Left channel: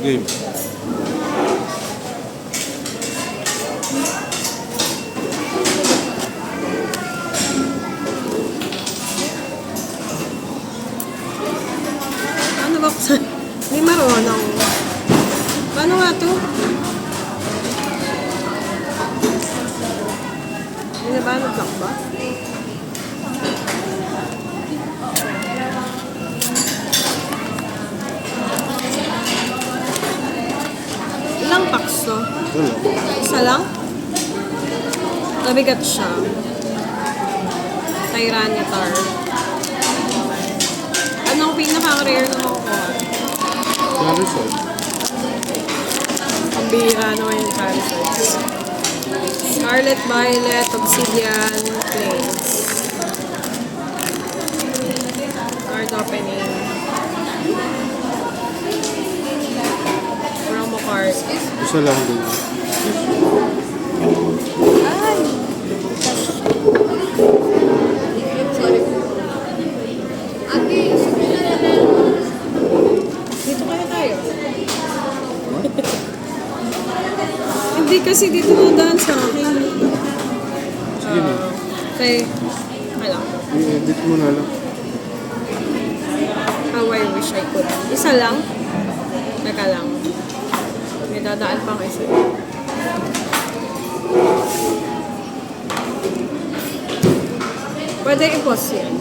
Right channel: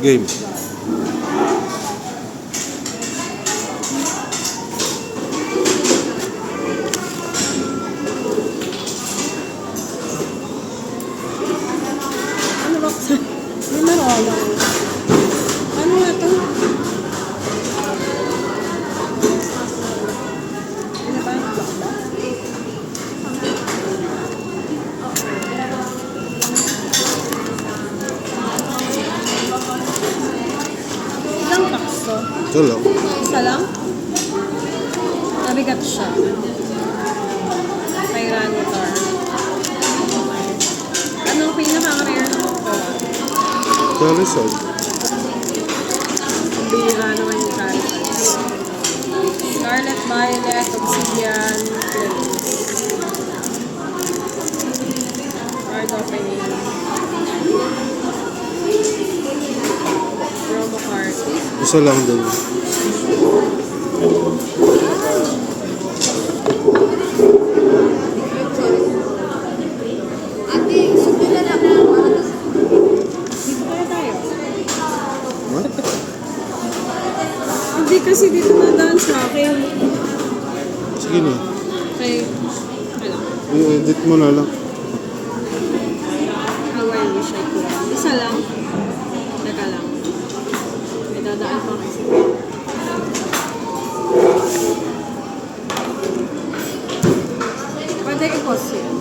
Game. Ano ba ko sa... Hindi marunong. Paano nga to? Hindi ba? Ano ba? Ilang packs to? Ito lang. Isa lang? Nabigat siya. Tyranitar. Anong pinaka-rare na makukuha? Charizard. Bira naman yung Charizard. Scarlet Violet, Obsidian, Flames. Card opening. Promo card. Isa lang din. Dito kaya tayo? What? Hindi kasi dito nadaan sa akin. Sige na. Okay. Wala. I-edit mo na lang. How I wish I could. Isa lang. Teka lang. May dadaan pa ako isa. Pwede i-pause yan.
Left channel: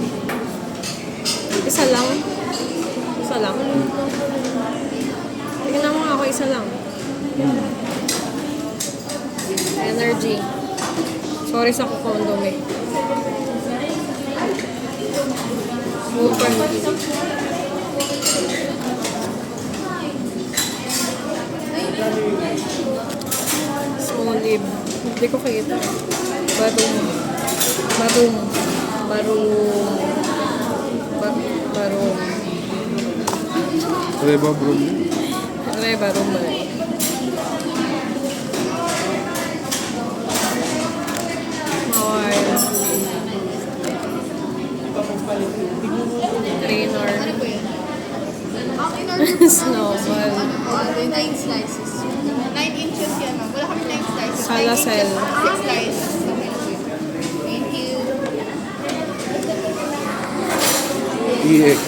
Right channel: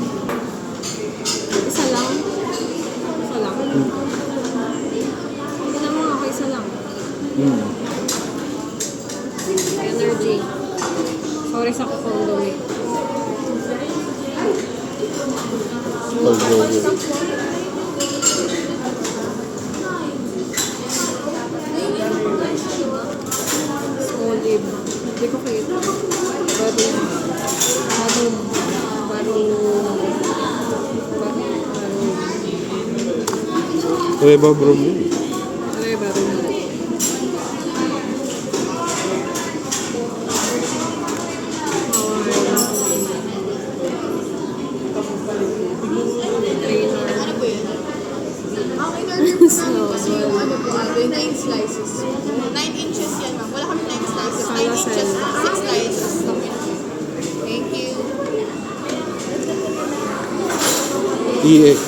Isa lang. Isa lang. Tingnan mo ako, isa lang. Energy. Sorry sa kondom eh. Small lib. Hindi ko kagita. Barong. Barong. Barong. Barong. Kaya ba bro mo? Ano yung barong ba? Trainer. Okay na. Snowball. 9 slices. 9 inches yan, ma'am. Wala kami 9 slices. 9 Salacel. inches, 6 slices. Thank you. EX.